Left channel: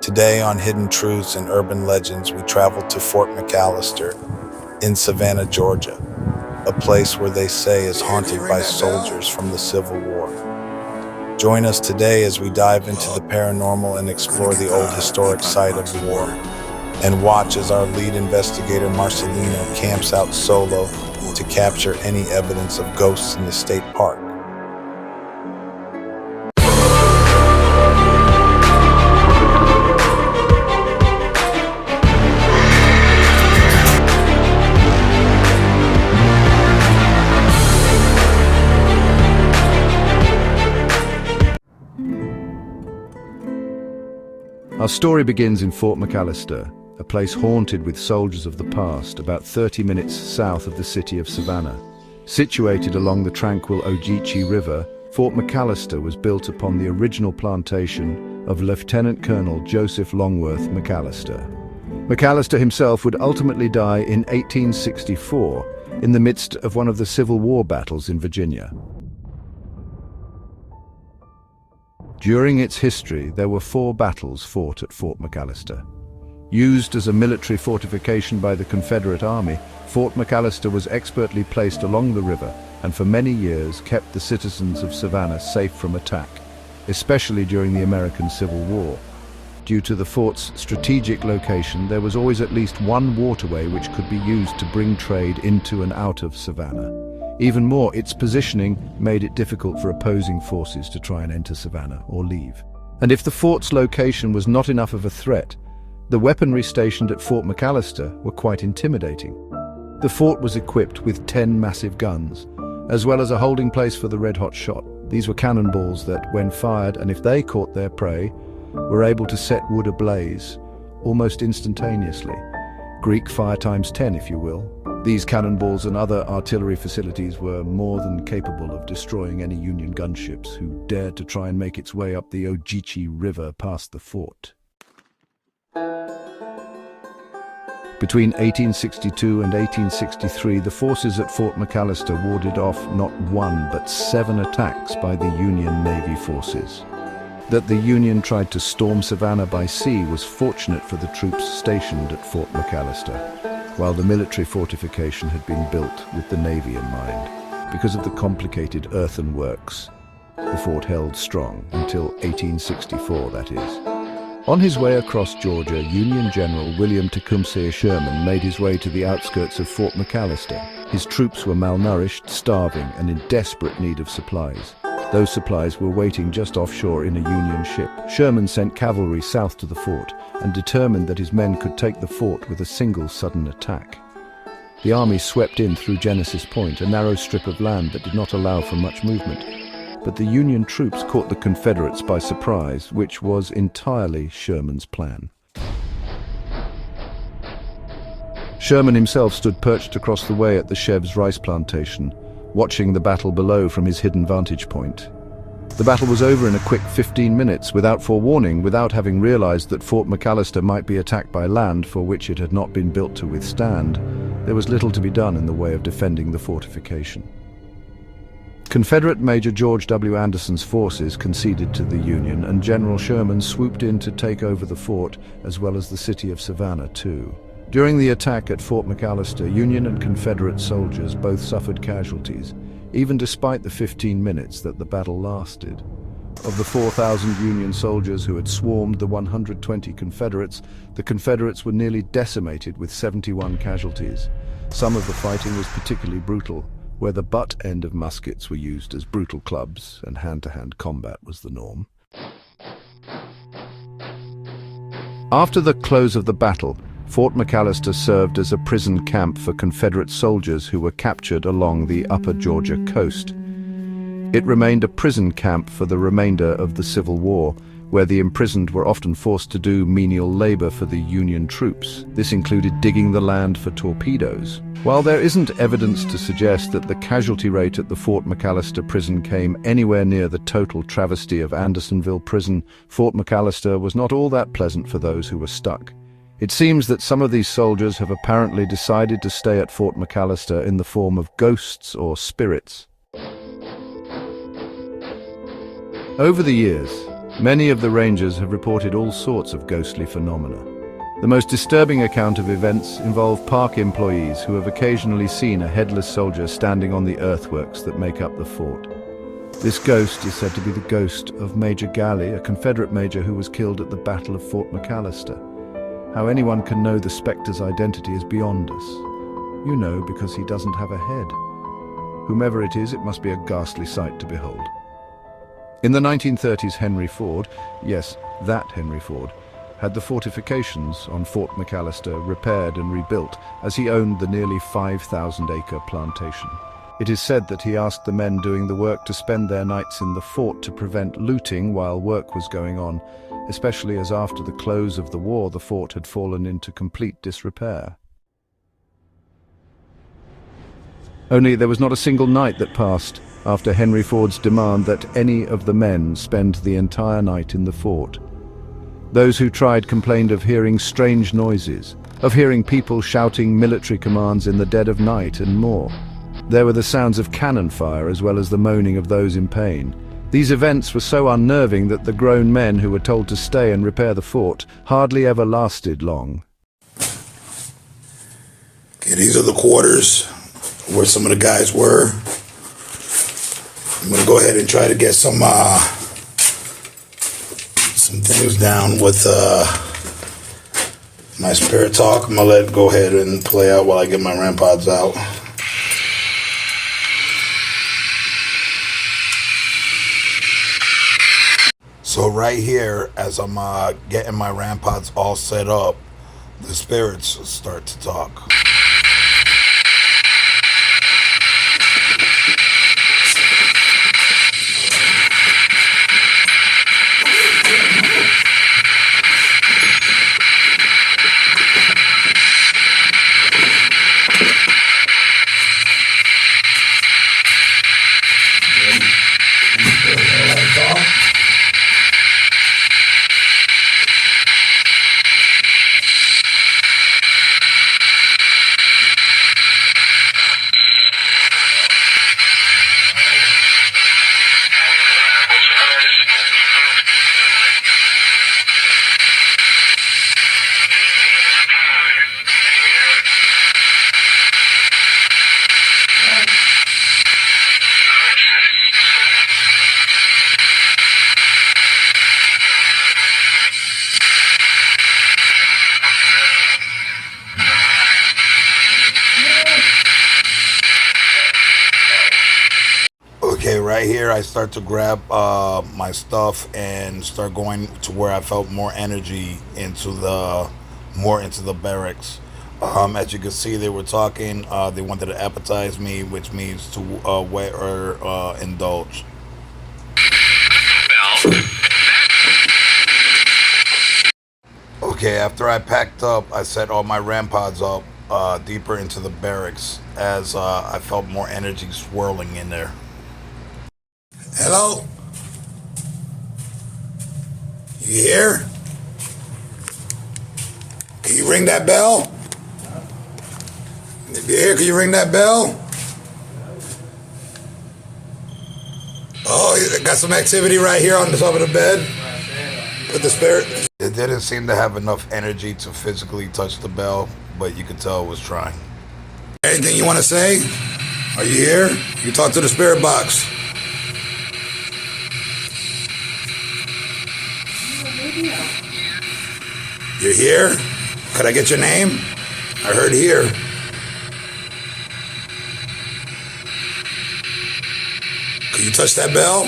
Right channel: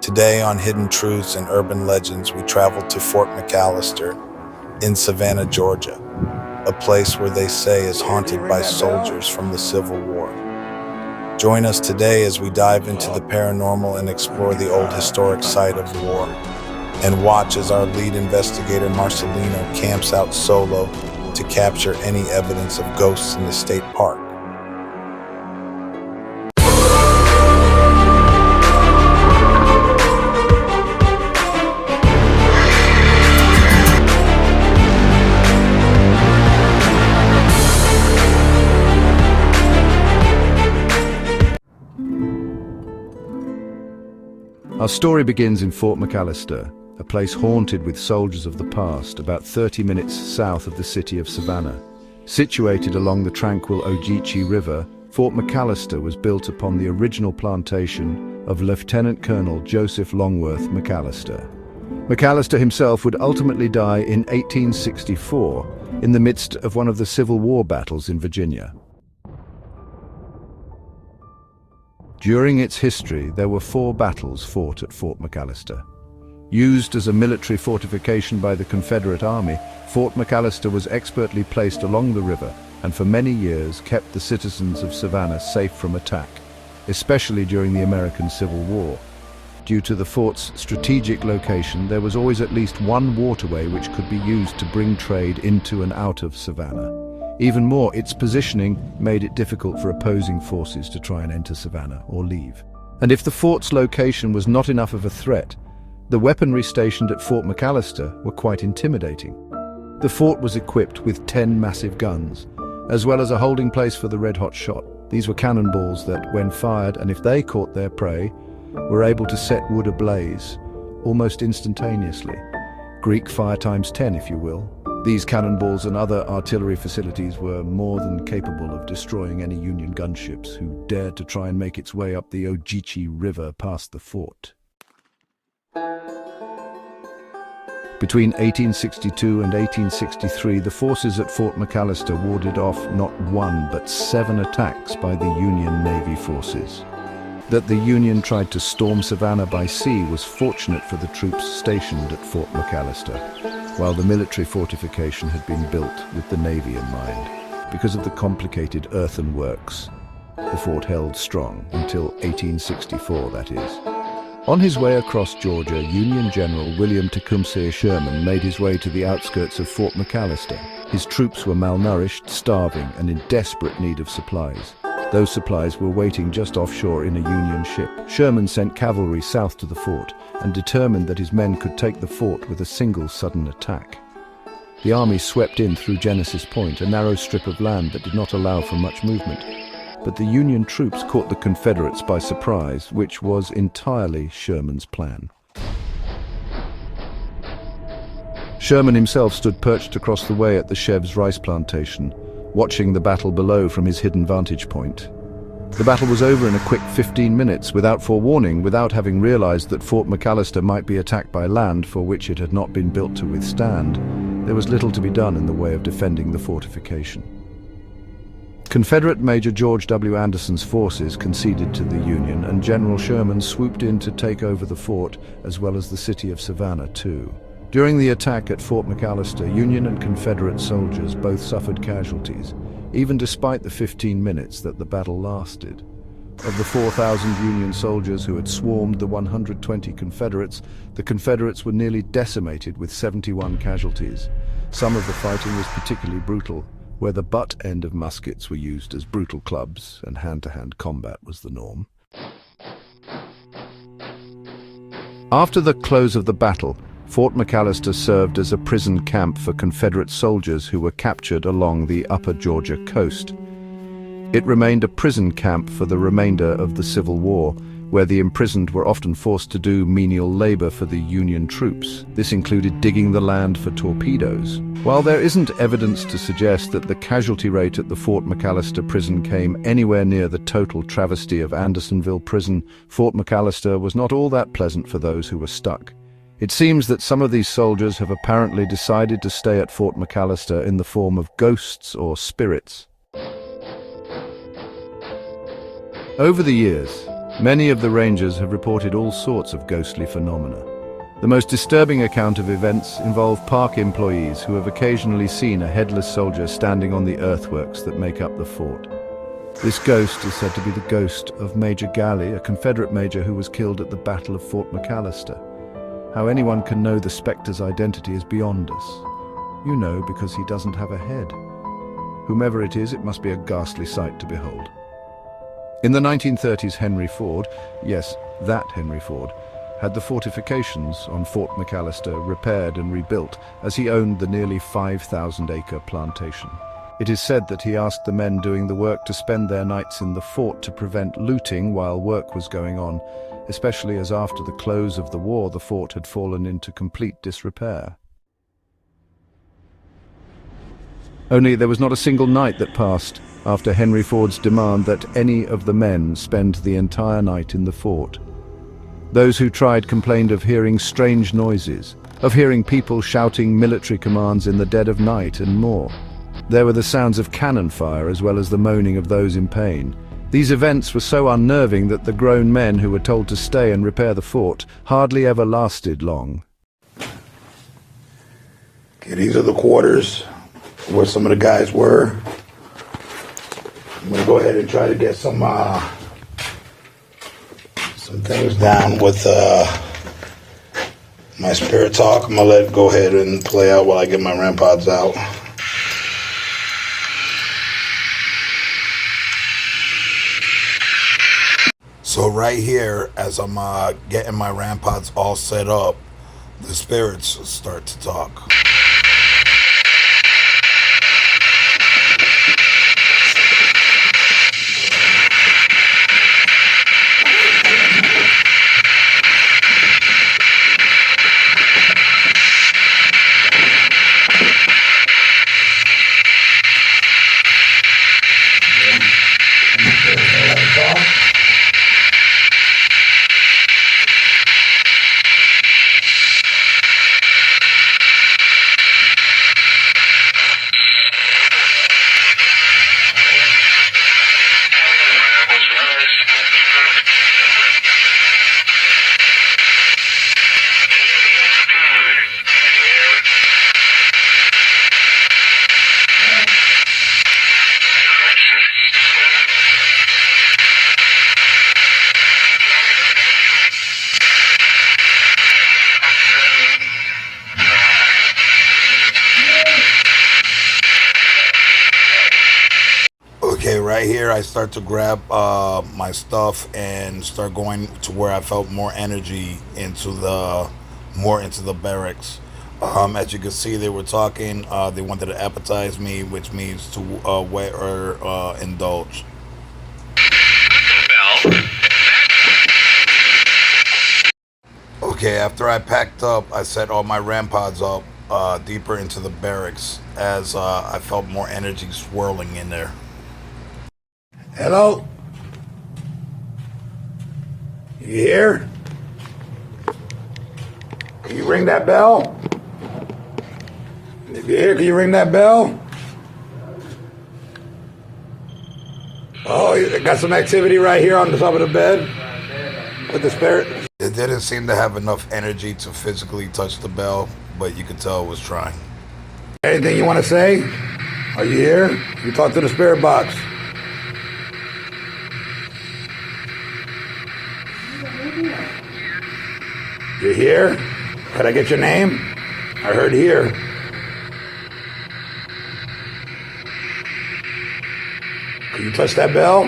Today on Hidden Truths and Urban Legends, we travel to Fort McAllister in Savannah, Georgia, a place where they say is haunted by soldiers from the Civil War. Join us today as we dive into the paranormal and explore the old historic site of the war, and watch as our lead investigator Marcelino camps out solo to capture any evidence of ghosts in the state park. Our story begins in Fort McAllister, a place haunted with soldiers of the past, about 30 minutes south of the city of Savannah. Situated along the tranquil Ogeechee River, Fort McAllister was built upon the original plantation of Lieutenant Colonel Joseph Longworth McAllister. McAllister himself would ultimately die in 1864 in the midst of one of the Civil War battles in Virginia. During its history, there were 4 battles fought at Fort McAllister. Used as a military fortification by the Confederate Army, Fort McAllister was expertly placed along the river and for many years kept the citizens of Savannah safe from attack, especially during the American Civil War. Due to the fort's strategic location, there was always at least one waterway which could be used to bring trade into and out of Savannah. Even more, its positioning made it difficult for opposing forces to try and enter Savannah or leave. And if the fort's location was not enough of a threat, the weaponry stationed at Fort McAllister were quite intimidating. The fort was equipped with 10 massive guns, as well as a holding place for the red-hot shot. These were cannonballs that, when fired, and if they caught their prey, were able to set wood ablaze almost instantaneously. Greek fire times 10, if you will. These cannonballs and other artillery facilities were more than capable of destroying any Union gunships who dared to try and make its way up the Ogeechee River past the fort. Between 1862 and 1863, the forces at Fort McAllister warded off not 1 but 7 attacks by the Union Navy forces. That the Union tried to storm Savannah by sea was fortunate for the troops stationed at Fort McAllister, while the military fortification had been built with the Navy in mind. Because of the complicated earthenworks, the fort held strong until 1864, that is. On his way across Georgia, Union General William Tecumseh Sherman made his way to the outskirts of Fort McAllister. His troops were malnourished, starving, and in desperate need of supplies. Those supplies were waiting just offshore in a Union ship. Sherman sent cavalry south to the fort and determined that his men could take the fort with a single sudden attack. The army swept in through Genesis Point, a narrow strip of land that did not allow for much movement. But the Union troops caught the Confederates by surprise, which was entirely Sherman's plan. Sherman himself stood perched across the way at the Chev's rice plantation, watching the battle below from his hidden vantage point. The battle was over in a quick 15 minutes, without forewarning, without having realized that Fort McAllister might be attacked by land for which it had not been built to withstand. There was little to be done in the way of defending the fortification. Confederate Major George W. Anderson's forces conceded to the Union, and General Sherman swooped in to take over the fort, as well as the city of Savannah, too. During the attack at Fort McAllister, Union and Confederate soldiers both suffered casualties, even despite the 15 minutes that the battle lasted. Of the 4,000 Union soldiers who had swarmed the 120 Confederates, the Confederates were nearly decimated with 71 casualties. Some of the fighting was particularly brutal, where the butt end of muskets were used as brutal clubs and hand-to-hand combat was the norm. After the close of the battle, Fort McAllister served as a prison camp for Confederate soldiers who were captured along the upper Georgia coast. It remained a prison camp for the remainder of the Civil War, where the imprisoned were often forced to do menial labor for the Union troops. This included digging the land for torpedoes. While there isn't evidence to suggest that the casualty rate at the Fort McAllister prison came anywhere near the total travesty of Andersonville Prison, Fort McAllister was not all that pleasant for those who were stuck. It seems that some of these soldiers have apparently decided to stay at Fort McAllister in the form of ghosts or spirits. Over the years, Many of the rangers have reported all sorts of ghostly phenomena. The most disturbing account of events involve park employees who have occasionally seen a headless soldier standing on the earthworks that make up the fort. This ghost is said to be the ghost of Major Galley, a Confederate major who was killed at the Battle of Fort McAllister. How anyone can know the spectre's identity is beyond us. You know, because he doesn't have a head. Whomever it is, it must be a ghastly sight to behold. In the 1930s, Henry Ford, yes, that Henry Ford, had the fortifications on Fort McAllister repaired and rebuilt, as he owned the nearly 5,000-acre plantation. It is said that he asked the men doing the work to spend their nights in the fort to prevent looting while work was going on, especially as after the close of the war the fort had fallen into complete disrepair. Only there was not a single night that passed after Henry Ford's demand that any of the men spend the entire night in the fort. Those who tried complained of hearing strange noises, of hearing people shouting military commands in the dead of night, and more. There were the sounds of cannon fire as well as the moaning of those in pain. These events were so unnerving that the grown men who were told to stay and repair the fort hardly ever lasted long. Okay, these are the quarters where some of the guys were. I'm gonna go ahead and try to get some things down with my spirit talk. I'm gonna go ahead and play out while I get my REM pods out. So right here, as I'm getting my REM pods all set up, the spirits start to talk. Okay, right here I start to grab my stuff and start going to where I felt more energy into the barracks. As you can see, they were talking. They wanted to appetize me, which means to wet or indulge. Okay, after I packed up, I set all my REM pods up deeper into the barracks as I felt more energy swirling in there. Hello? You here? Can you ring that bell? If you're here, can you ring that bell? Oh, you got some activity right here on the top of the bed with the spirit. It didn't seem to have enough energy to physically touch the bell, but you could tell it was trying. Anything you want to say? Are you here? You talk to the spirit box. You're here? Could I get your name? I heard here. Can you touch that bell?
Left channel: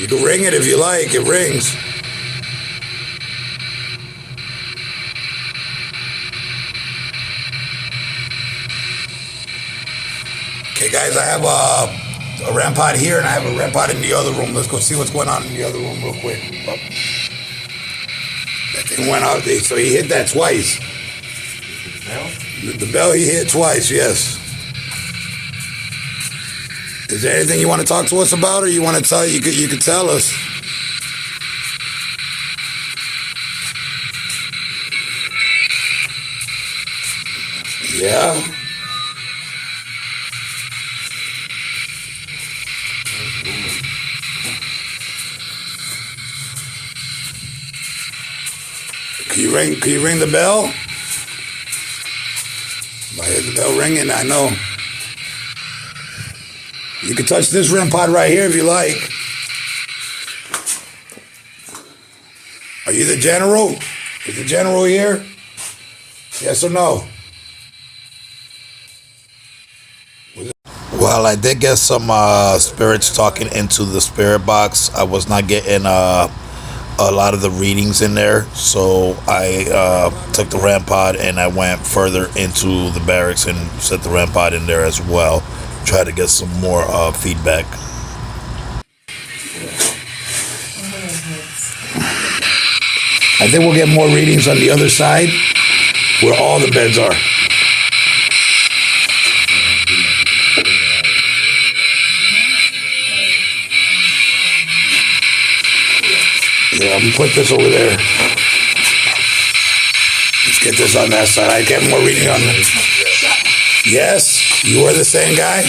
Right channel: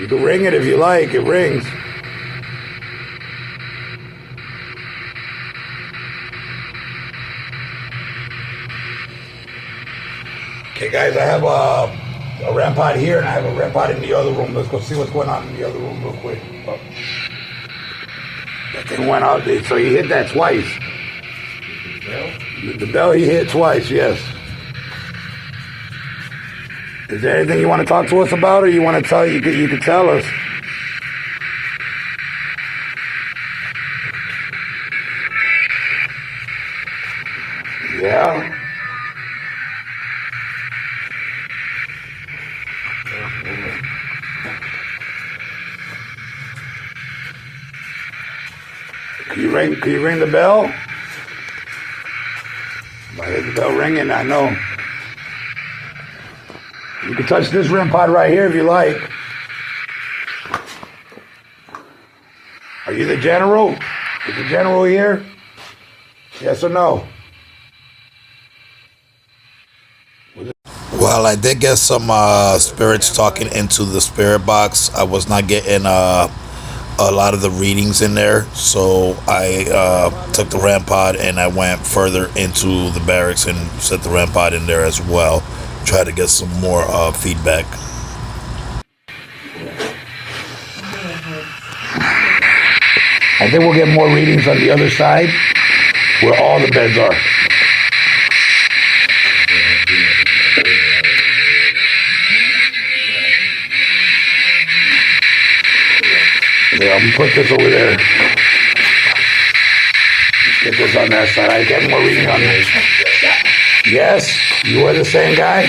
You can ring it if you like. It rings. Okay, guys, I have a REM pod here, and I have a REM pod in the other room. Let's go see what's going on in the other room real quick. That thing went out there, so he hit that twice. The bell he hit twice, yes. Is there anything you want to talk to us about, or you want to tell? You could tell us. Yeah. Can you ring the bell? Why is the bell ringing? I know. You can touch this REM pod right here if you like. Are you the general? Is the general here? Yes or no? Well, I did get some spirits talking into the spirit box. I was not getting a lot of the readings in there, so I took the REM pod and I went further into the barracks and set the REM pod in there as well. Try to get some more feedback. I think we'll get more readings on the other side, where all the beds are. Yeah, I'm gonna put this over there. Let's get this on that side. I get more reading on it. Yes, you are the same guy.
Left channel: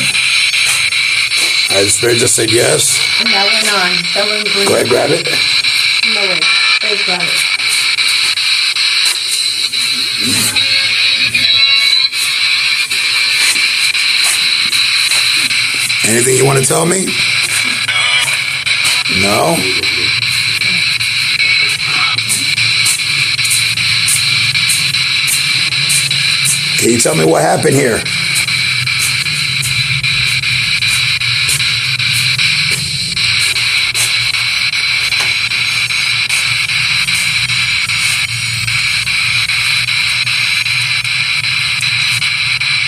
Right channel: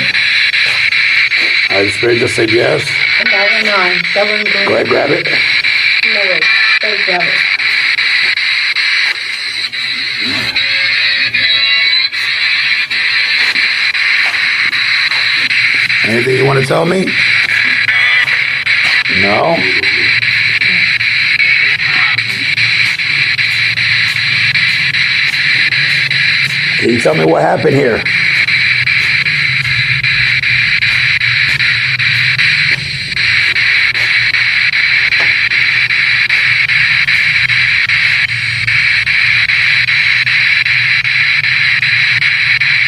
The spirit just said yes. That went on. That one green. Go ahead, grab it. No, wait. Wait, grab it. Anything you want to tell me? No? Can you tell me what happened here?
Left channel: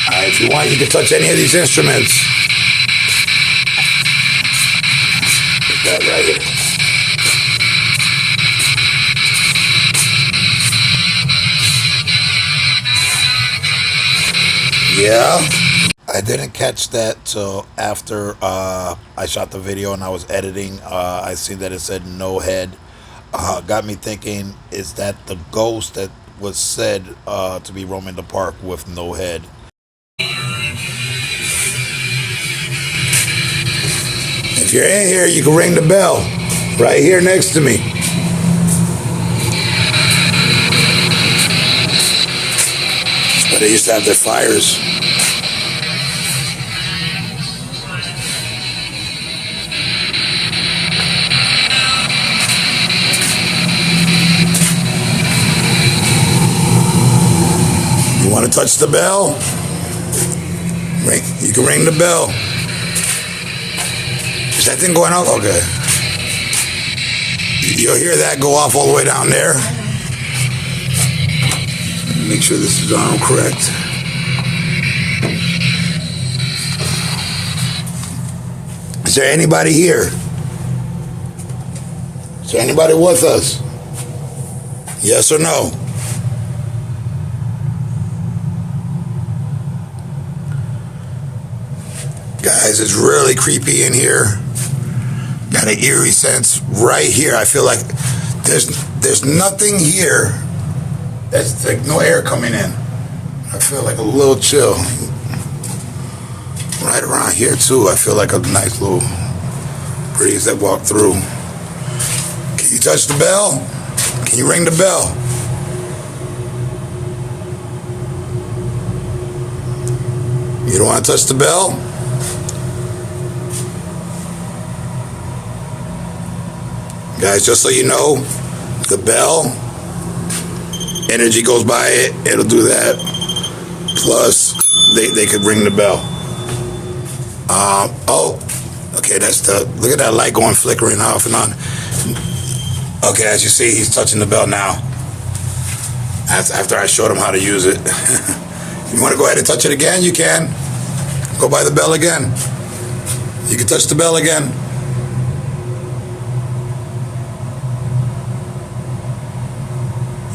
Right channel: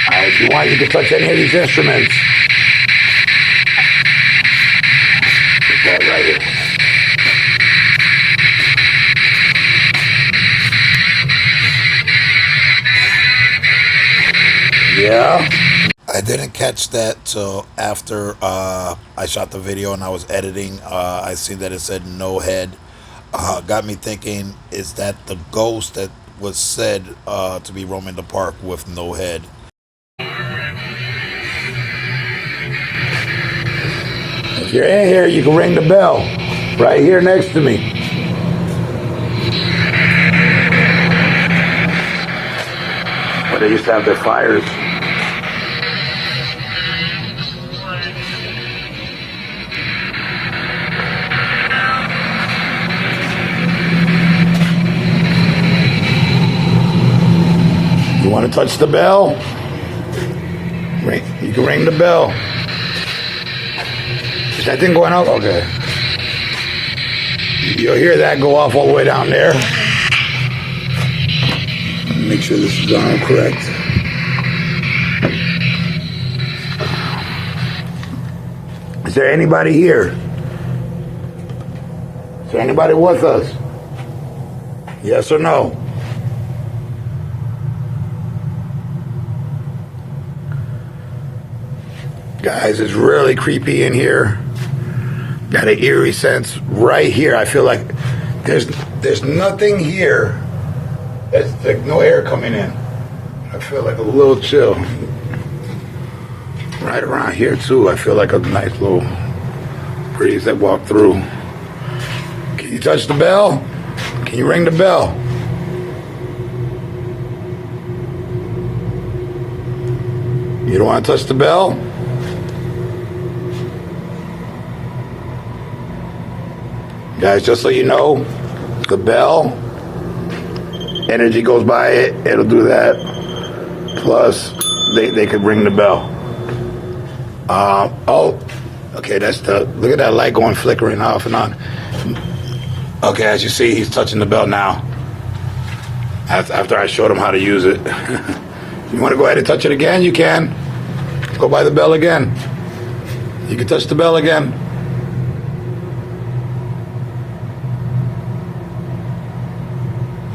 All right, if you want, you can touch any of these instruments. Put that right here. Yeah. I didn't catch that till after I shot the video and I was editing. I seen that it said no head. Got me thinking, is that the ghost that was said to be roaming the park with no head? If you're in here, you can ring the bell right here next to me. That's where they used to have their fires. You want to touch the bell? You can ring the bell. Is that thing going off? Okay. You'll hear that go off all the way down there. Make sure this is on correct. Is there anybody here? Is there anybody with us? Yes or no? Guys, it's really creepy in here. Got an eerie sense right here. I feel like there's nothing here. It's like no air coming in. I feel like a little chill. Right around here too, I feel like a nice little breeze that walked through. Can you touch the bell? Can you ring the bell? You don't want to touch the bell? Guys, just so you know, the bell, energy goes by it, it'll do that. Plus, they could ring the bell. Oh, okay, look at that light going flickering off and on. Okay, as you see, he's touching the bell now. After I showed him how to use it. You want to go ahead and touch it again? You can. Go by the bell again. You can touch the bell again.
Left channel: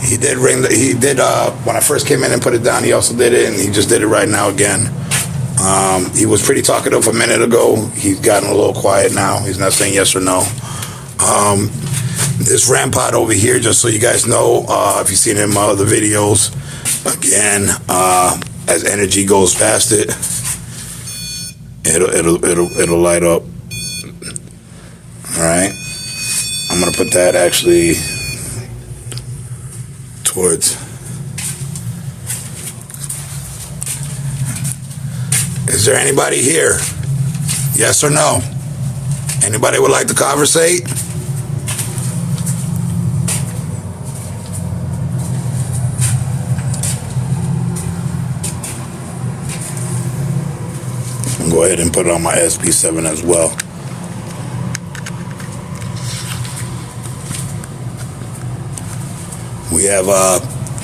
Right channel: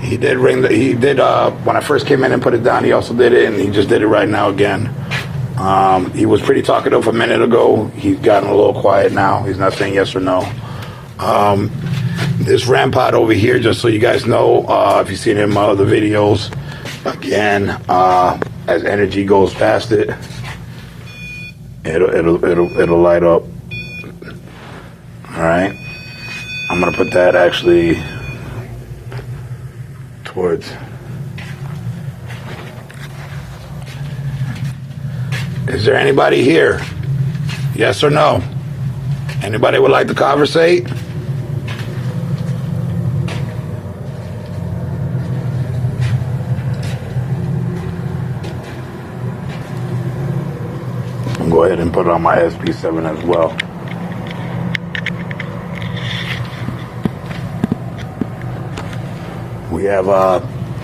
He did when I first came in and put it down, he also did it, and he just did it right now again. He was pretty talkative a minute ago. He's gotten a little quiet now. He's not saying yes or no. This REM pod over here, just so you guys know, if you've seen him in other videos, again, as energy goes past it, it'll light up. All right, I'm gonna put that actually. towards. Is there anybody here? Yes or no? Anybody would like to conversate? I'm gonna go ahead and put it on my SP7 as well. We have,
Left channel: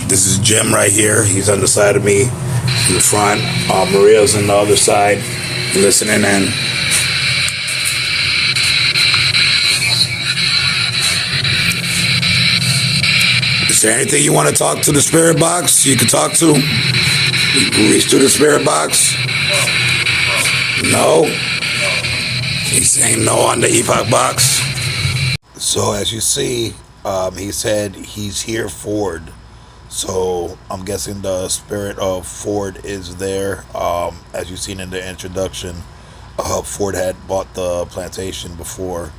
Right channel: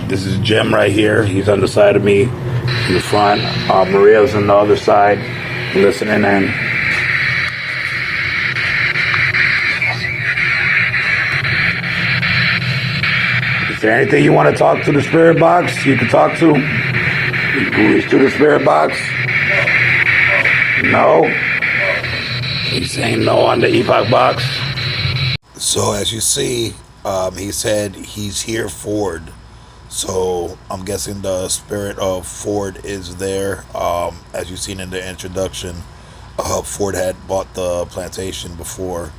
this is Jim right here. He's on the side of me in the front. Maria's on the other side, listening in. Is there anything you want to talk to the spirit box? You can talk to? You can reach to the spirit box? No? He's saying no on the epoch box. So as you see, he said he's here, Ford. So I'm guessing the spirit of Ford is there. As you've seen in the introduction, Ford had bought the plantation before.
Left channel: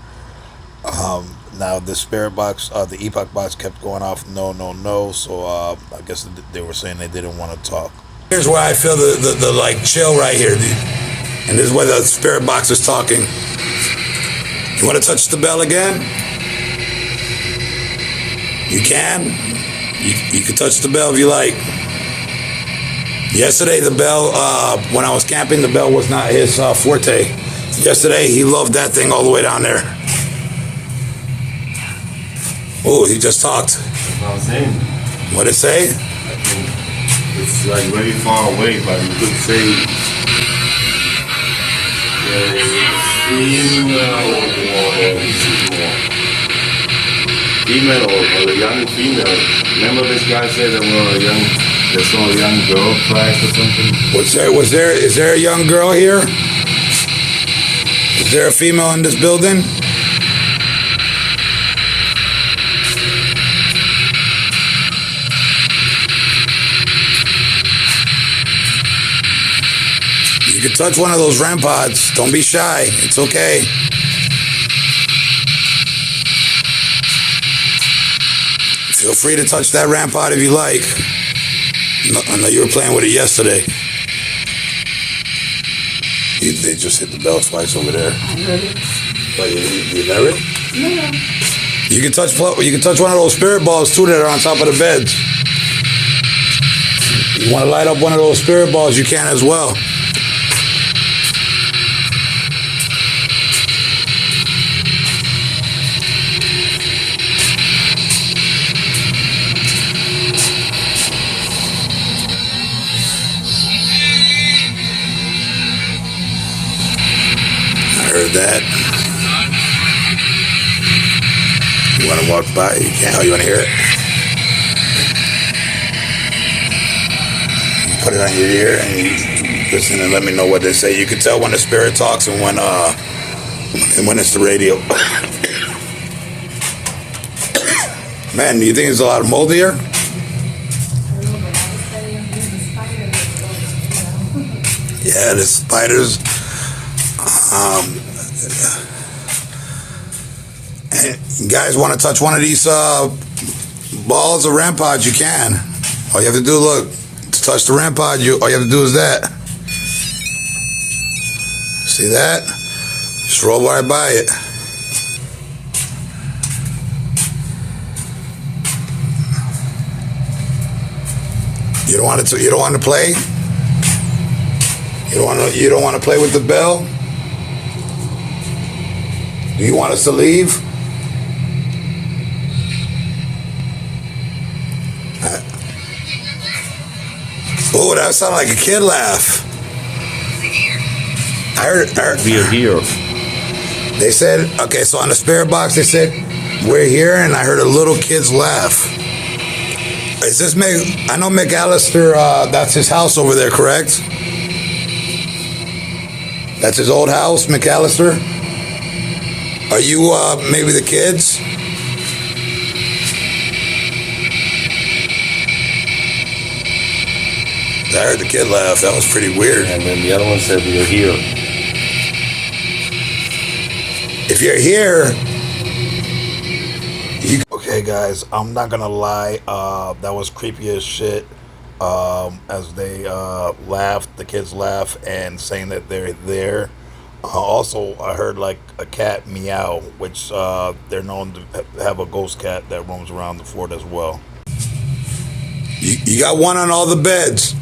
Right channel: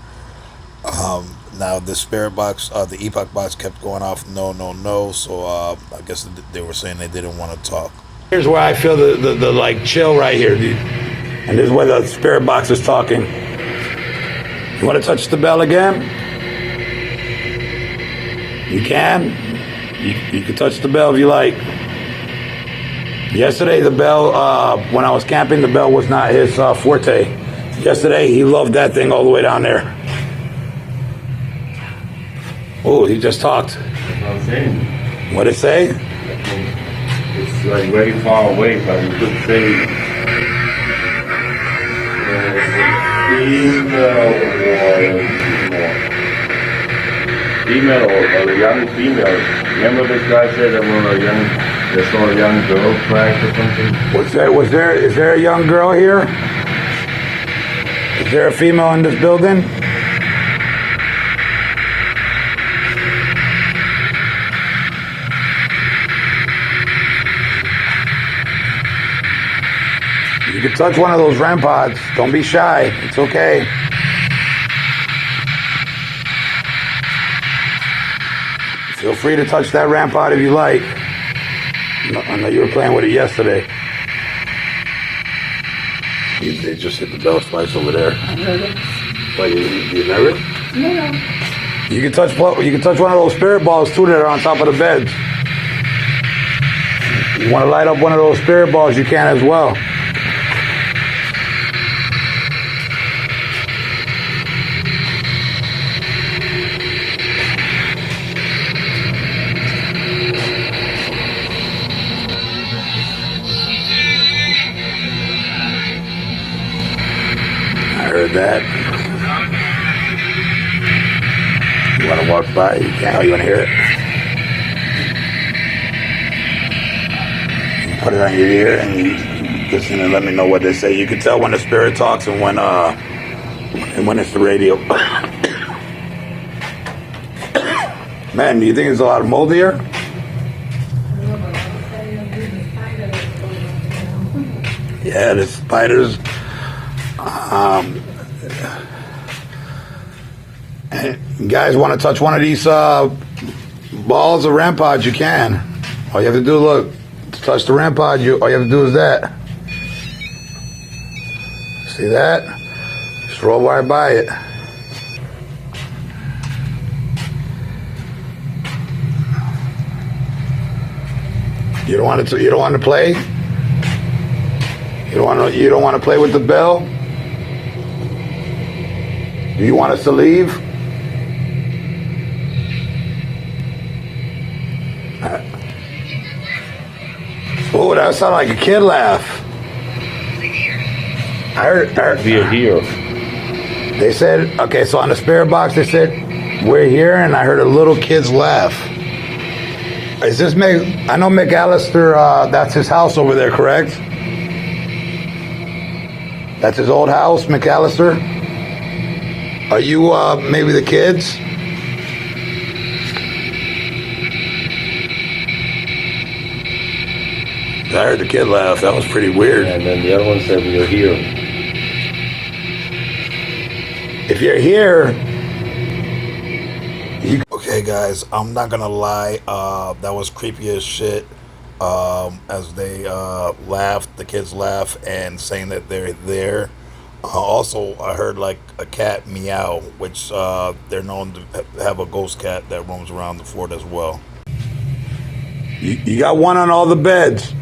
Now the spirit box, the epoch box kept going off, no, no, no. So I guess they were saying they didn't want to talk. Here's where I feel the like chill right here. And this is where the spirit box is talking. You want to touch the bell again? You can. You can touch the bell if you like. Yesterday, the bell, when I was camping, the bell was not his forte. Yesterday, he loved that thing all the way down there. Oh, he just talked. I was saying. What'd it say? It's like very far away, but you could say female or a young female. Remember this guy said they saw a young girl crash or something? Is there a young girl here? Is there a female in this building? You can touch one of those REM pods. Don't be shy. It's okay. Feel free to touch that REM pod if you like. I know you were playing with it yesterday. They just hit the bell twice over there. I heard it. Oh, you heard it? No. You can touch one of those spirit balls too that are on top of the beds. You want to light up one of those spirit balls, you can as well. Heard that. You want to walk by? You can. You want to hear it? You put it on your ear and you listen and let me know what they say. You can tell when the spirit talks and when it's the radio. Man, do you think there's a lot of mold here? Yeah, the spiders. Guys want to touch one of these balls or REM pods, you can. All you have to do, look, to touch the REM pod, all you have to do is that. See that? Just roll right by it. You don't want to play? You don't want to play with the bell? Do you want us to leave? Oh, that sounded like a kid laugh. I heard. We are here. They said, okay, so on the spirit box, they said, we're here, and I heard a little kid's laugh. Is this I know McAllister, that's his house over there, correct? That's his old house, McAllister? Are you maybe the kids? I heard the kid laugh. That was pretty weird. And then the other one said, we are here. If you're here, okay guys, I'm not gonna lie. That was creepy as shit. As they laughed, the kids laugh and saying that they're there. Also, I heard like a cat meow, which they're known to have a ghost cat that roams around the fort as well. You got one on all the beds.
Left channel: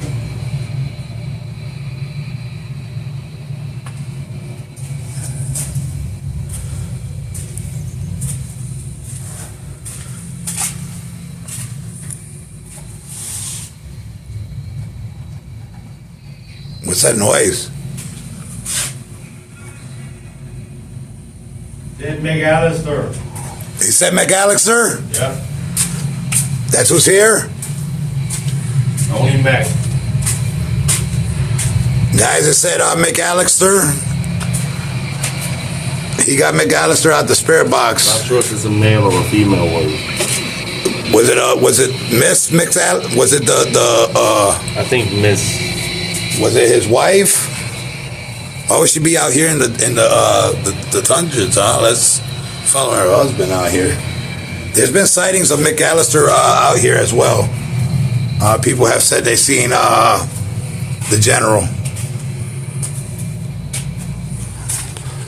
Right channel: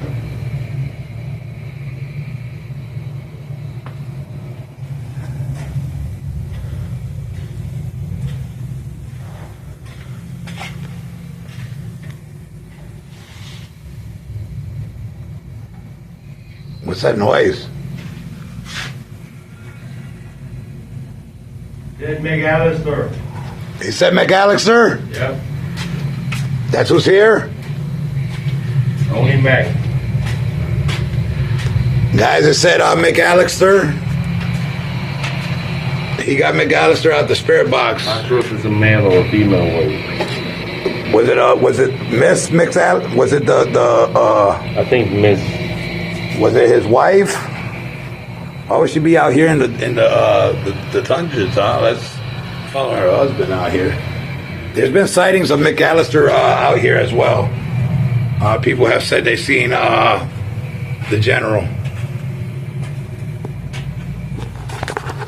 What's that noise? Did McAllister. You said McAllister? Yep. That's who's here? Only Mac. Guys, it said McAllister. He got McAllister out the spirit box. Not sure if it's a male or a female voice. Was it Miss McAllister? Was it I think Miss. was it his wife? Why would she be out here in the tundras, huh? Let's follow her husband out here. There's been sightings of McAllister out here as well. People have said they've seen the general.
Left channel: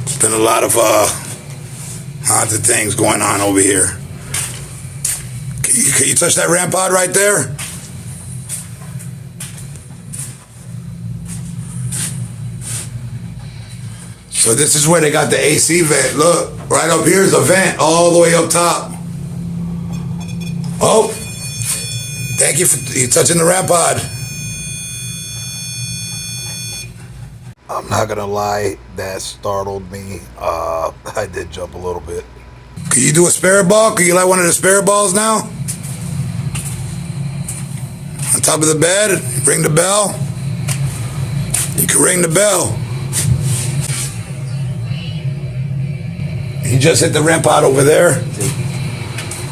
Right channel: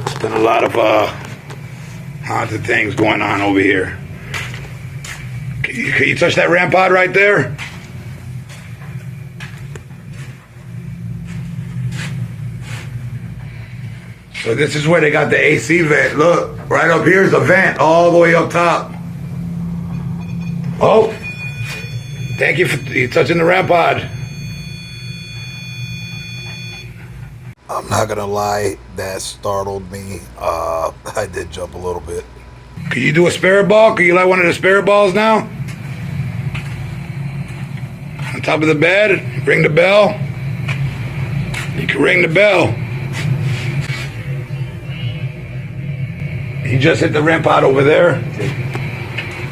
There's been a lot of haunted things going on over here. Can you touch that rampart right there? So this is where they got the AC vent. Look, right up here is a vent all the way up top. Oh, thank you for you touching the rampart. I'm not gonna lie, that startled me. I did jump a little bit. Can you do a spirit ball? Can you light one of the spirit balls now? On top of the bed, ring the bell. You can ring the bell. You just hit the rampart over there.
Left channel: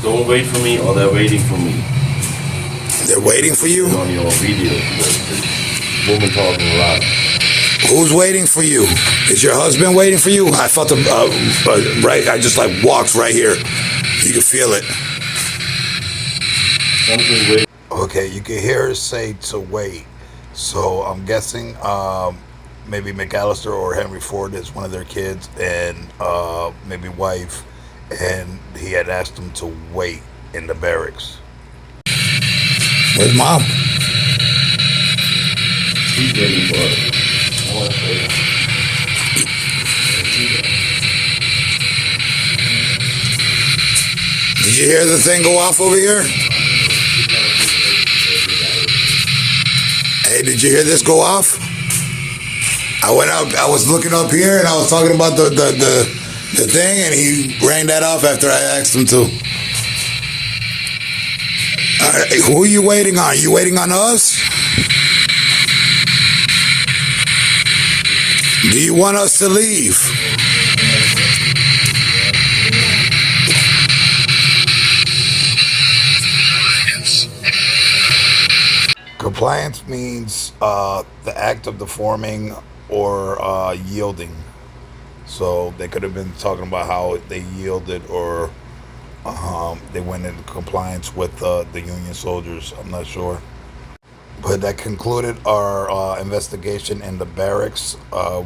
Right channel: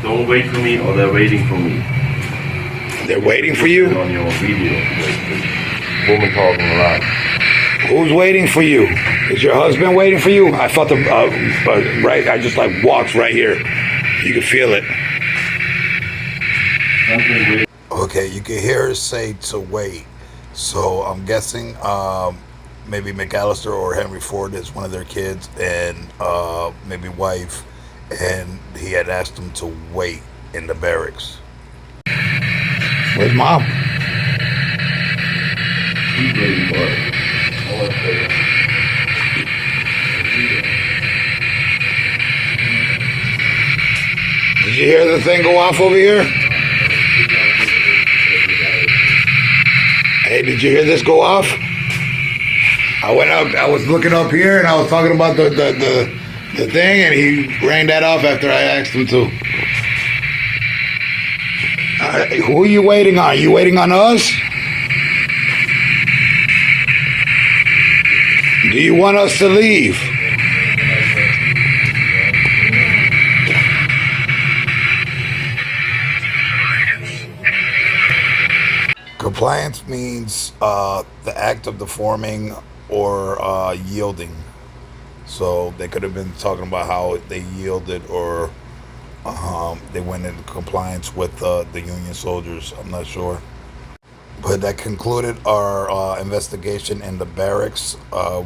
Don't wait for me, or they're waiting for me. They're waiting for you? On your video, the woman talking around. Who's waiting for you? Is your husband waiting for you? I felt right. I just like walked right here. You can feel it. Something weird. Okay, you can hear her say to wait. So I'm guessing maybe McAllister or Henry Ford is one of their kids, and maybe wife, and he had asked them to wait in the barracks. Where's mom? She's waiting for us. I want to say that. Did you hear the thing go off over here? Hey, did you hear this go off? I went out, I was looking up here and I was talking about the thing, and he rang that off after I asked him to. Who are you waiting on? You waiting on us? Do you want us to leave? Compliance means the act of deforming or yielding. So they could have been talking about how they yielded, or they went into compliance with the Union soldiers. I'm not sure. But that concluded our investigation in the barracks.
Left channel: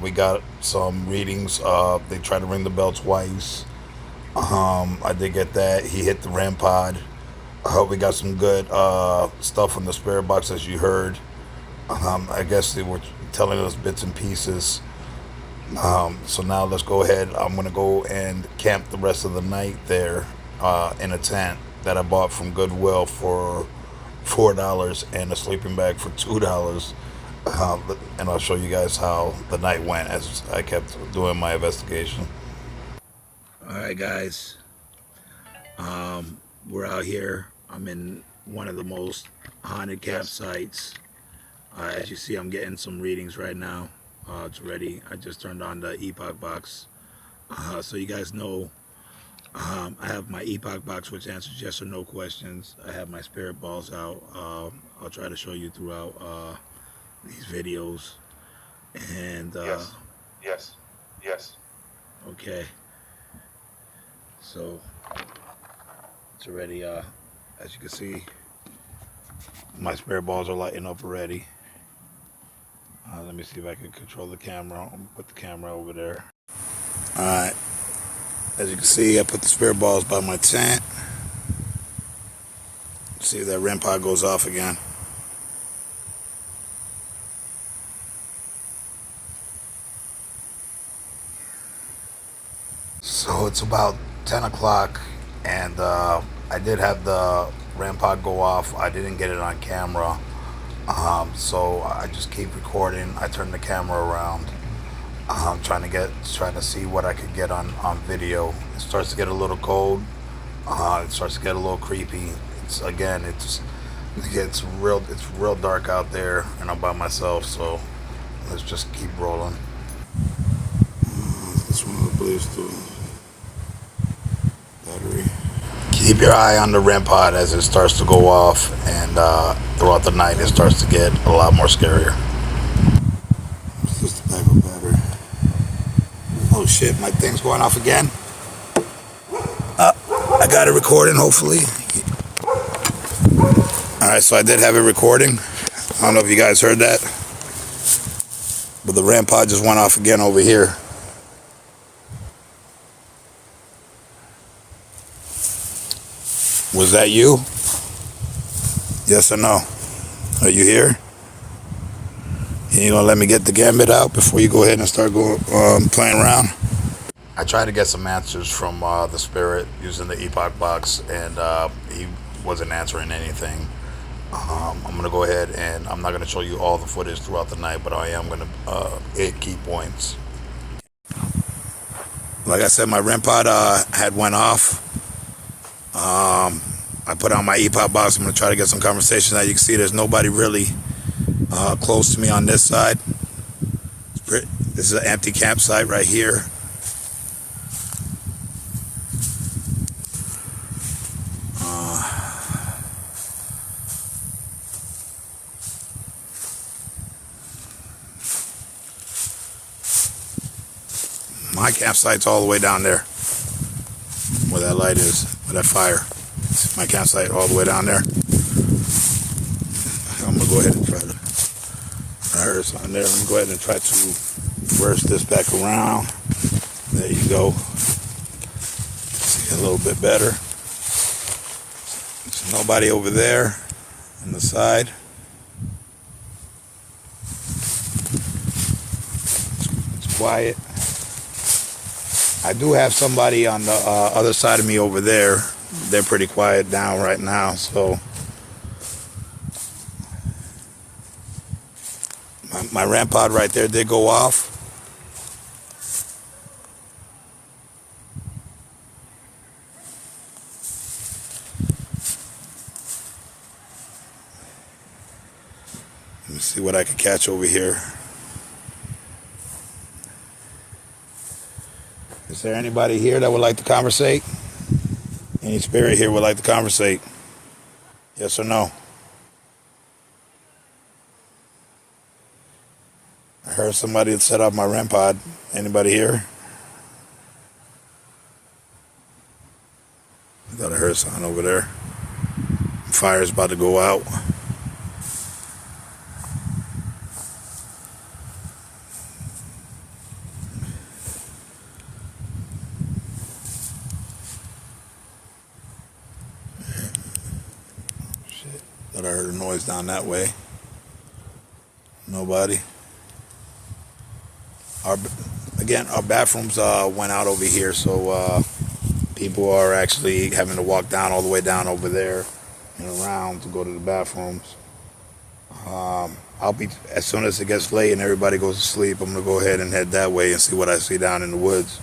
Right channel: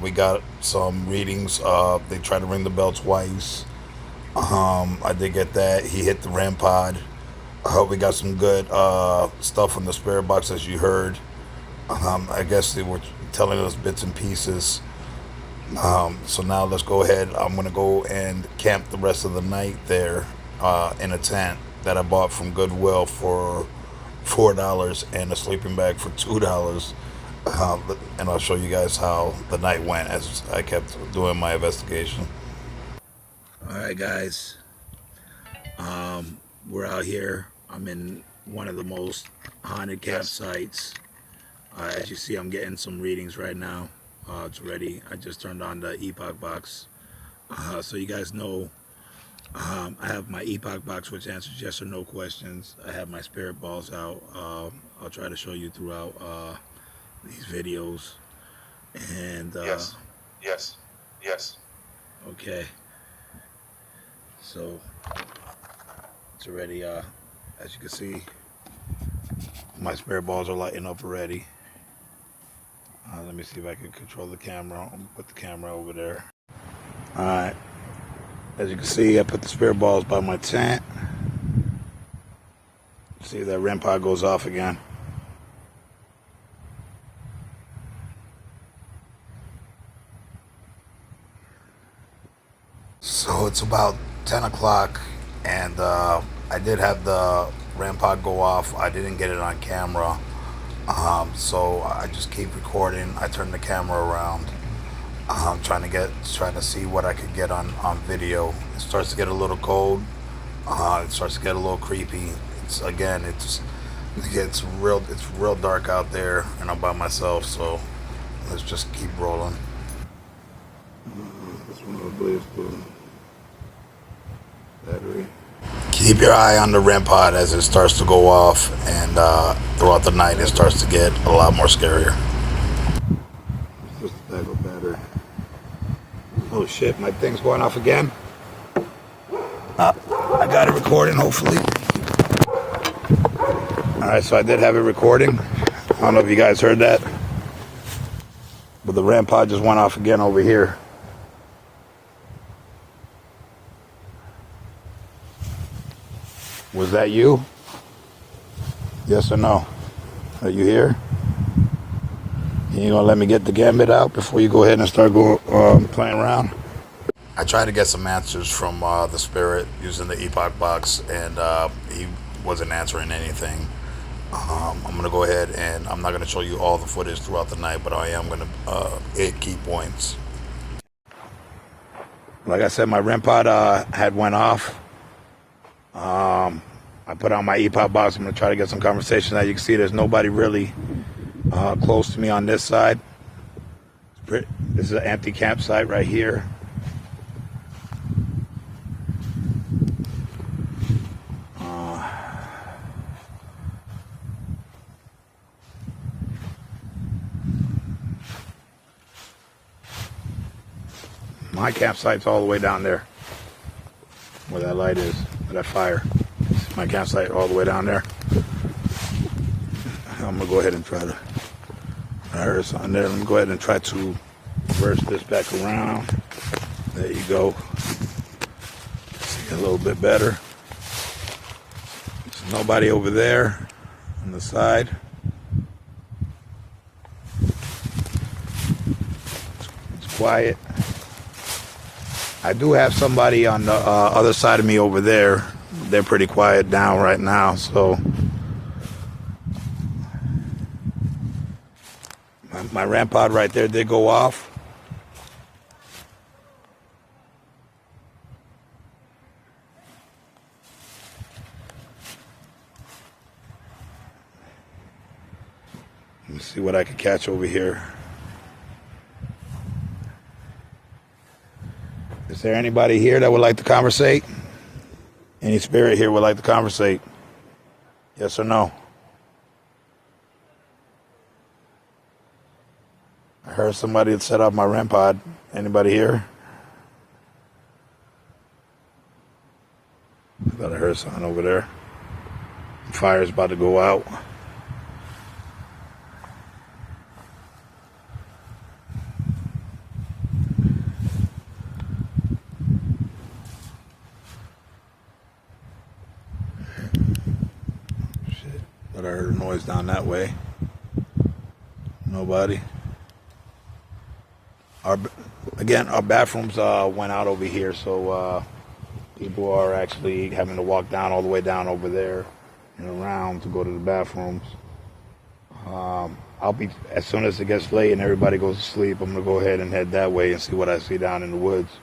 We got some readings. They tried to ring the bell twice. I did get that. He hit the rampart. We got some good stuff in the spirit box, as you heard. I guess they were telling us bits and pieces. So now let's go ahead. I'm going to go and camp the rest of the night there in a tent that I bought from Goodwill for $4 and a sleeping bag for $2. And I'll show you guys how the night went as I kept doing my investigation. All right, guys. We're out here. I'm in one of the most haunted campsites. As you see, I'm getting some readings right now. It's ready. I just turned on the epoch box. So you guys know, I have my epoch box, which answers yes or no questions. I have my spirit balls out. I'll try to show you throughout these videos. And yes. Okay. So It's already, as you can see, my spare balls are lighting up already. Let me see if I can control the camera. I'll put the camera over there. Alright, as you can see, I put the spare balls by my tent. See if that REM pod goes off again. So it's about 10 o'clock, and I did have the REM pod go off. I didn't get it on camera, so I just keep recording. I turn the camera around, trying to see what I could get on video. It starts to get a little cold. It starts to get a little creepy. It gets real dark out there, and I'm by myself. So let's just keep rolling. This one, I believe, is the battery. Keep your eye on the REM pod as it starts to go off, and throughout the night it starts to get a lot more scarier. It's just the backup battery. Oh shit, my thing's going off again. I got it recording, hopefully. Alright, so I did have it recording. I don't know if you guys heard that, but the REM pod just went off again over here. Was that you? Yes or no? Are you here? You gonna let me get the gambit out before you go ahead and start playing around? I tried to get some answers from the spirit using the epoch box, and he wasn't answering anything. I'm gonna go ahead, and I'm not gonna show you all the footage throughout the night, but I am gonna hit key points. Like I said, my REM pod had went off. I put on my epoch box. I'm gonna try to get some conversation. As you can see, there's nobody really close to me on this side. This is an empty campsite right here. My campsite's all the way down there, where that light is, where that fire. My campsite all the way down there. I'm gonna go ahead and try to. I heard it's on there. I'm gonna go ahead and try to reverse this back around. There you go. See a little bit better. There's nobody over there on the side. It's quiet. I do have somebody on the other side of me over there. They're pretty quiet down right now, so my REM pod right there did go off. Let me see what I can catch over here. Is there anybody here that would like to conversate? Any spirit here would like to conversate? Yes or no? I heard somebody had set up my REM pod. Anybody here? I thought I heard something over there. Fire's about to go out. Thought I heard a noise down that way. Nobody. Our bathrooms went out over here, so people are actually having to walk down all the way down over there and around to go to the bathrooms. As soon as it gets late and everybody goes to sleep, I'm gonna go ahead and head that way and see what I see down in the woods.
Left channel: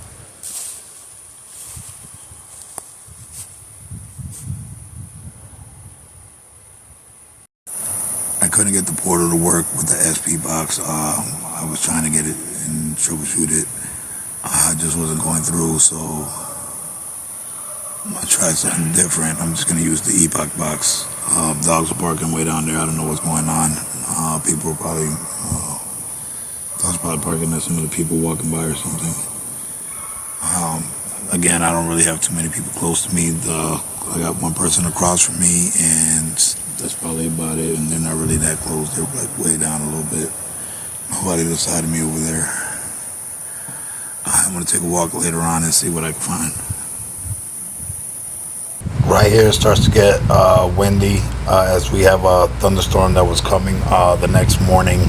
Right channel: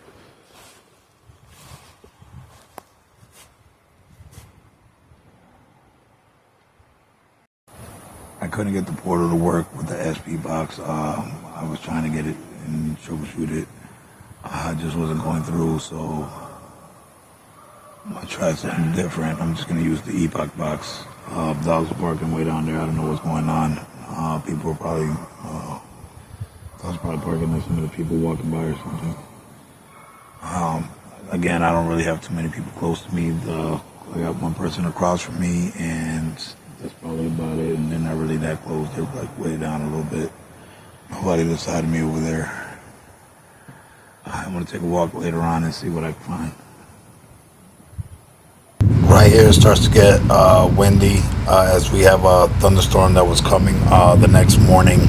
I couldn't get the portal to work with the SP box. I was trying to get it and troubleshoot it. I just wasn't going through, so I tried something different. I'm just going to use the epoch box. Dogs are barking way down there. I don't know what's going on. People are probably, dogs probably barking at some of the people walking by or something. Again, I don't really have too many people close to me. The I got one person across from me, and that's probably about it. And they're not really that close. They're like way down a little bit. Nobody beside of me over there. I'm gonna take a walk later on and see what I can find. Right here it starts to get windy as we have a thunderstorm that was coming the next morning.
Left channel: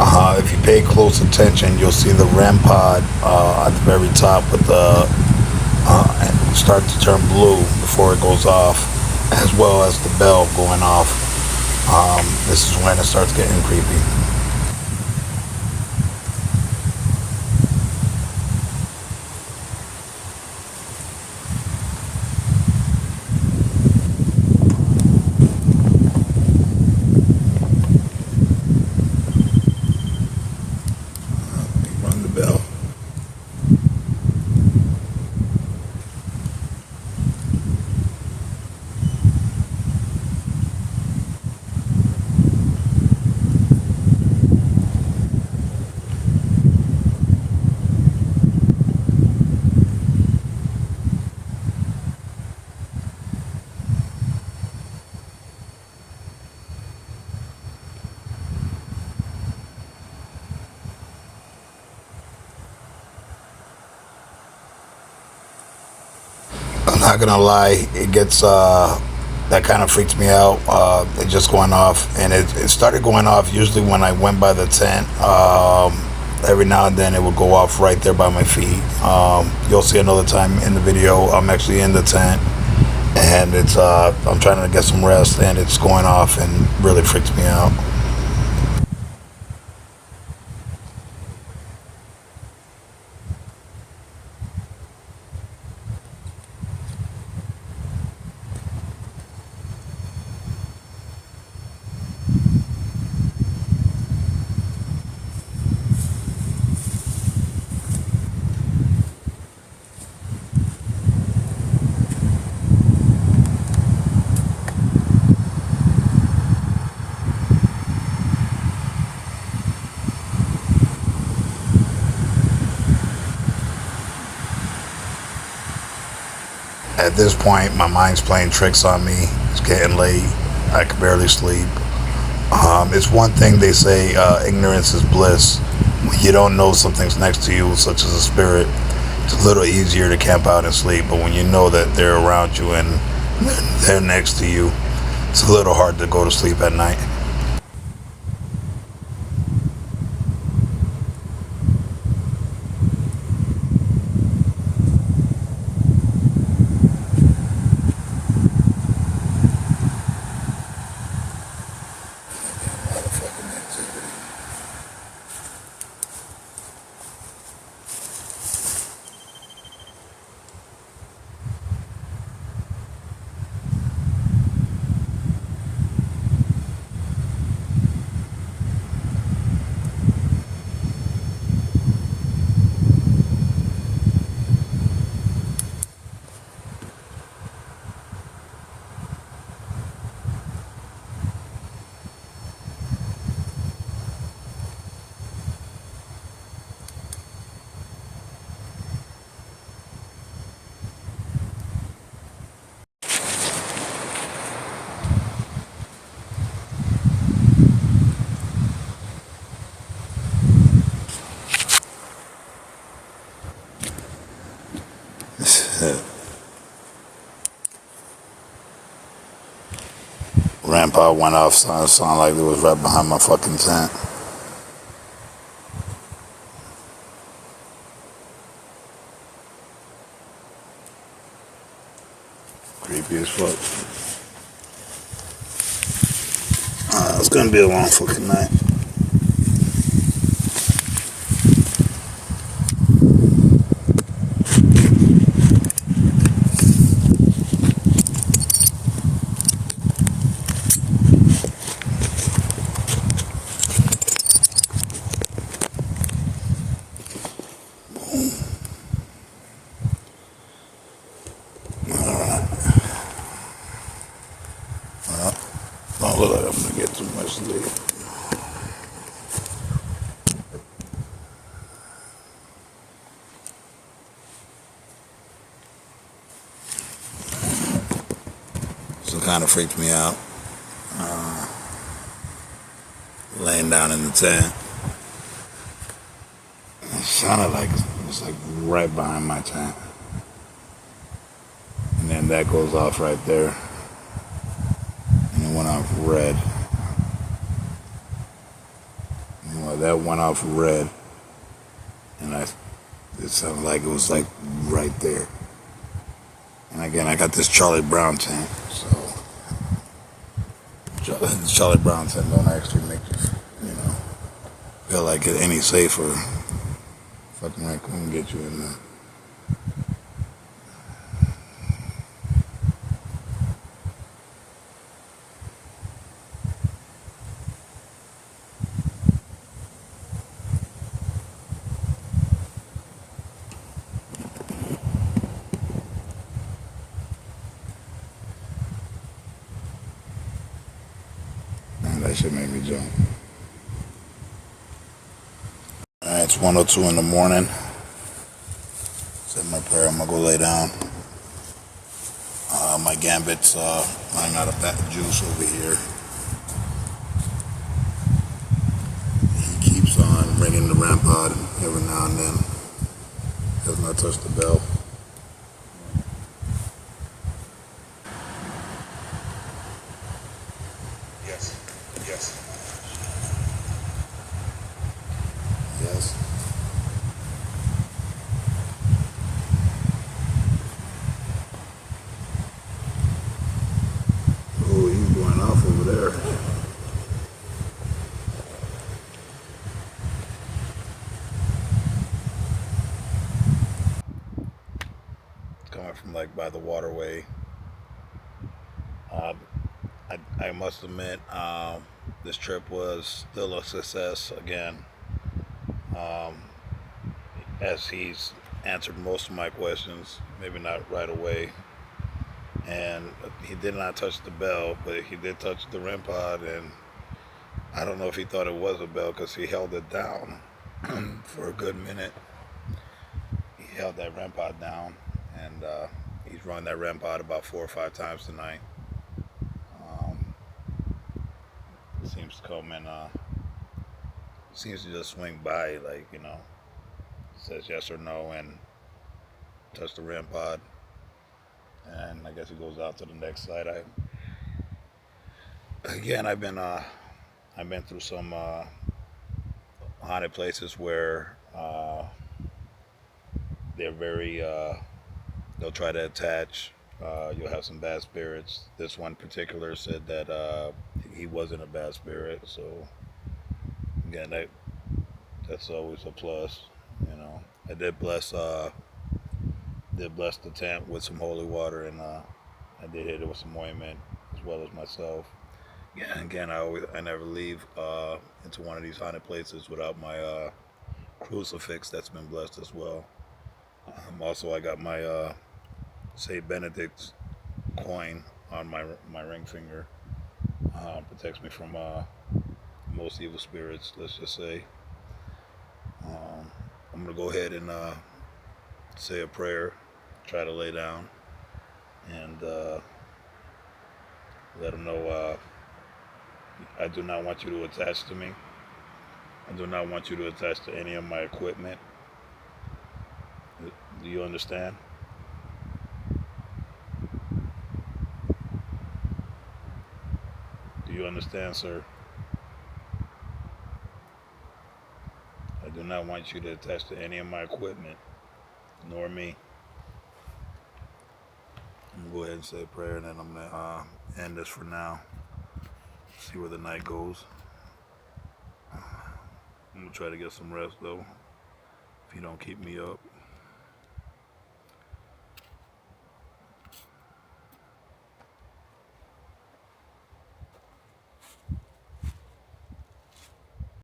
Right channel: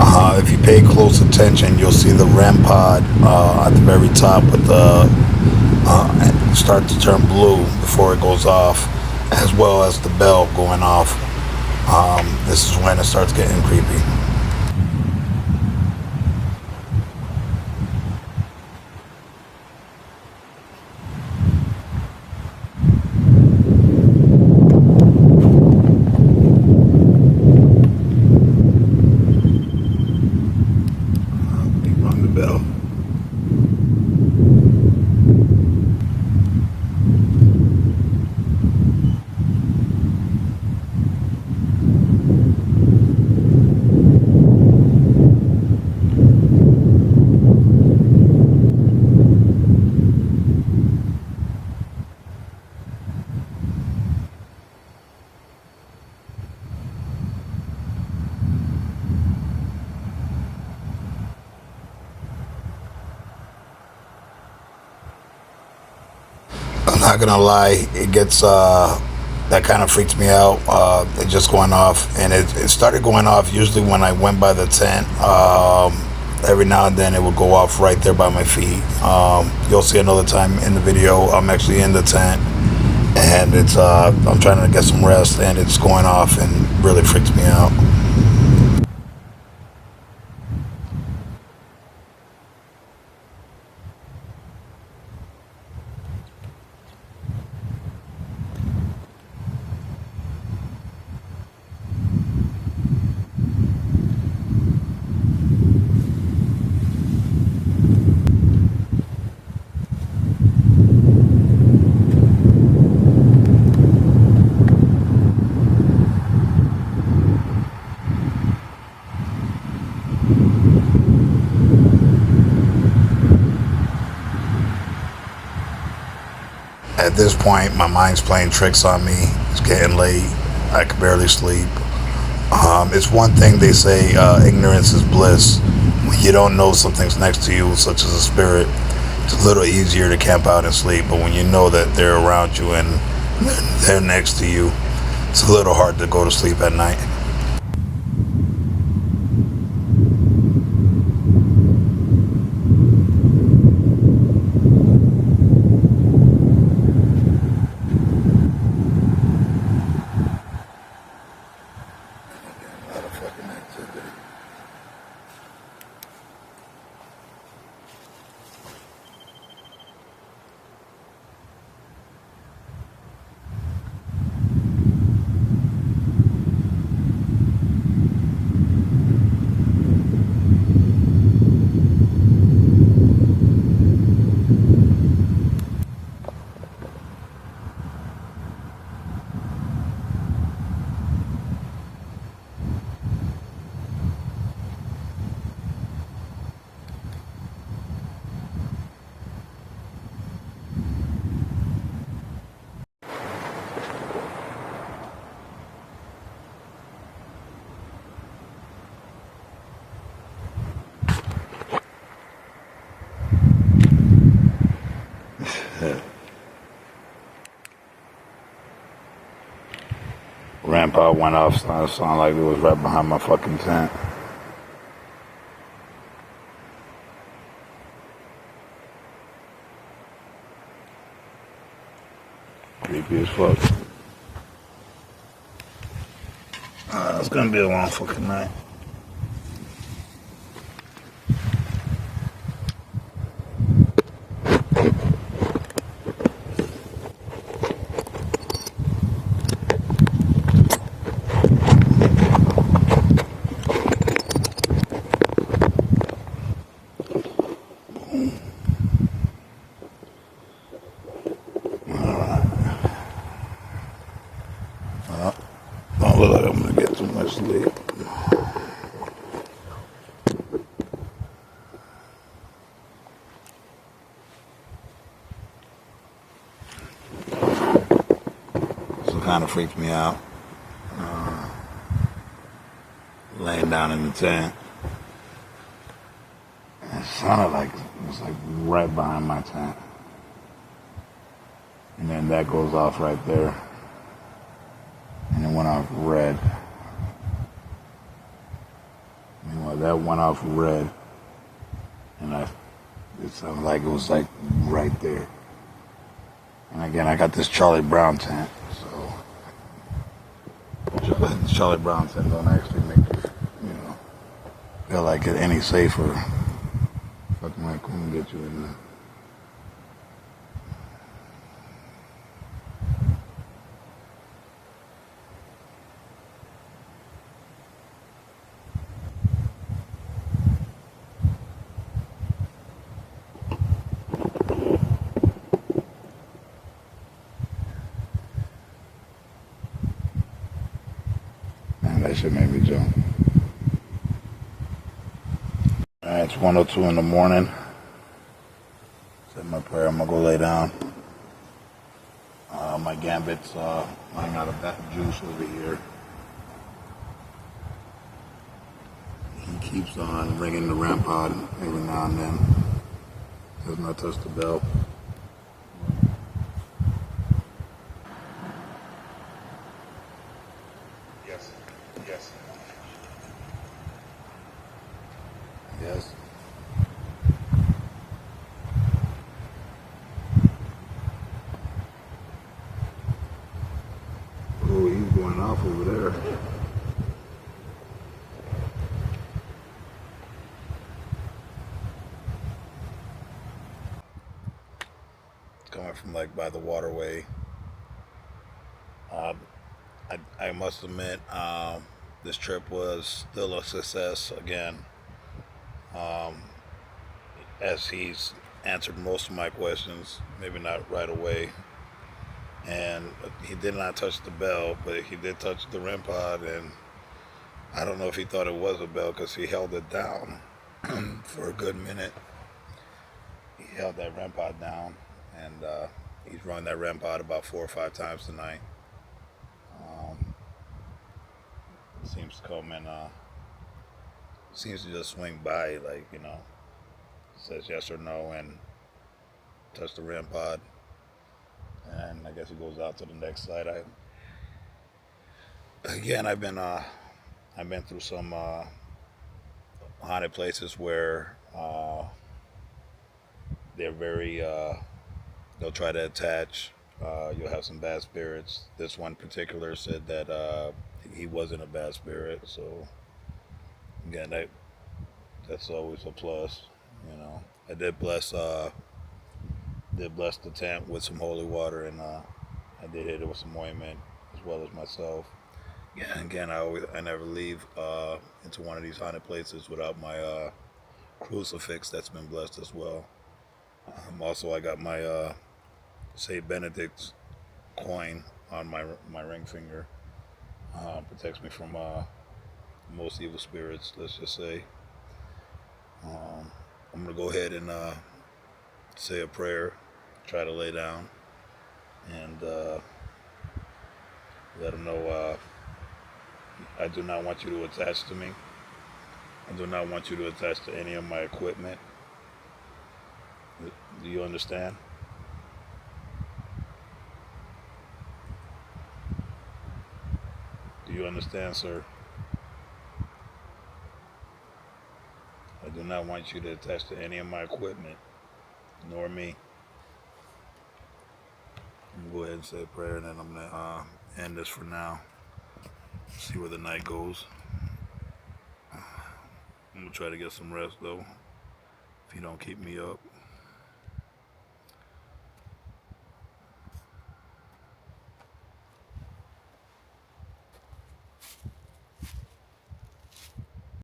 If you pay close attention, you'll see the REM pod at the very top with the start to turn blue before it goes off, as well as the bell going off. This is when it starts getting creepy. Rung the bell. I'm not gonna lie, it gets that kind of freaks me out. It just going off, and it started going off usually when I went by the tent. Every now and then it would go off right there by my feet. You'll see another time in the video. I'm actually in the tent, and it's I'm trying to get some rest, and it's going off, and really freaks me out. At this point, my mind's playing tricks on me. It's getting late. I can barely sleep. It's one thing they say, ignorance is bliss. When you don't know something's next to you, such as a spirit, it's a little easier to camp out and sleep. But when you know that they're around you and they're next to you, it's a little hard to go to sleep at night. Grandpa went off, so it sounded like it was right behind my fucking tent. Creepy as fuck. It's gonna be a long fucking night. I'm gonna get too much sleep. kind of freaked me out. Laying down in the tent. It sounded like it was like right behind my tent. And then that goes off right there. And it went off red. That went off red. And it sounded like it was like right there. And again, I got this Charlie Brown tent. So Charlie Brown tent don't actually make you know, feel like it any safer. Fucking raccoon get you in there. Man, that shit made me jump. Alright, it's 1:02 in the morning. Said my prayer, I'm gonna go lay down. My gambit's running out of juice over here. He keeps on ringing the RAM pod every now and then. Has not touched the bell. Yes. Yes. Yes. Oh, he's going off over there. Coming from like by the waterway. I must admit, this trip was still a success again. As he's answered most of my questions, maybe not right away. And he did not touch the bell, but he did touch the REM pod, and I don't know if he thought it was a bell because he held it down for a good minute. He held that REM pod down, and he's run that REM pod about 4 or 5 times tonight. Seems to come and seems to just swing by, like, says yes or no and touch the REM pod, and I guess he goes out to the next site. I've been through some haunted places where they're very they'll try to attach. You'll have some bad spirits. This one particular said that he wasn't a bad spirit, so again, that's always a plus. I did bless the tent with some holy water, and I did hit it with some ointment as well as myself. Yeah, again, I never leave into one of these haunted places without my crucifix that's been blessed as well. Also, I got my Saint Benedict's coin on my ring finger. Protects me from most evil spirits, let's just say. I'm gonna go ahead and say a prayer, try to lay down, and let them know I do not want you to attach to me. I do not want you to attach to any of my equipment. Do you understand? Do you understand, sir? I do not want you to attach to any of my equipment, nor me. I'm gonna go ahead and say a prayer, and then I'm gonna end this for now. See where the night goes. I'm gonna try to get some rest though, if you don't keep me up.